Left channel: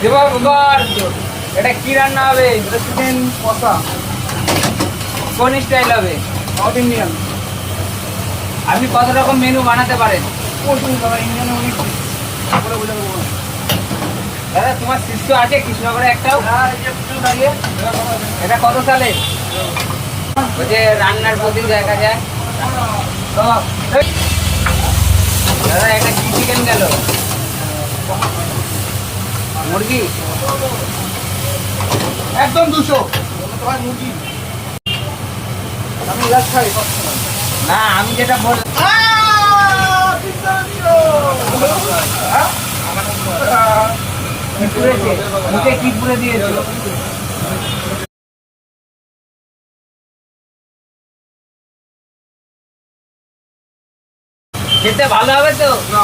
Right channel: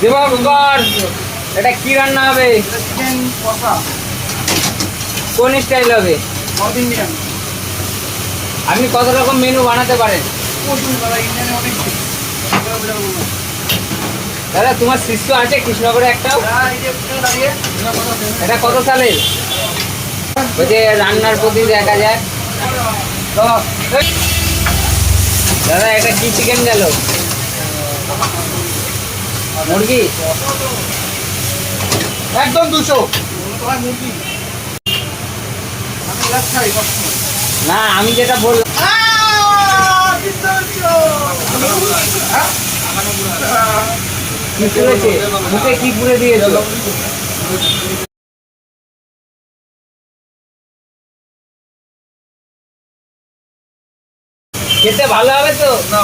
দেবা বাবা, এটা কি রান্না হবে? চিকেন কষা, কোন স্টাইল হবে? North Indian. আপনি কত রকম মেনু বানাতে পারেন? প্রচুর দাদা, ইন্ডিয়ান অনেক কিছু। বলে বোঝাবো না। দাদা তোমার শিষ্য আছে কৃষ্ণনগরে একটাও? এই যে ওখানে দাঁড়িয়ে, এটা কত সালের? ওই যে রান্নার প্রতি দেখা যায়। দাদা, দাদা এটা কি চিকেন গেল? মুরগি? একদম 200 তোমার মুরগি। আমি লাগ খাই সবসময়। না আমি যেটা বললাম। কি পুড়েছে? মুখে কি পুড়ে দিয়েছে? খেতে ভালো হবে তো? না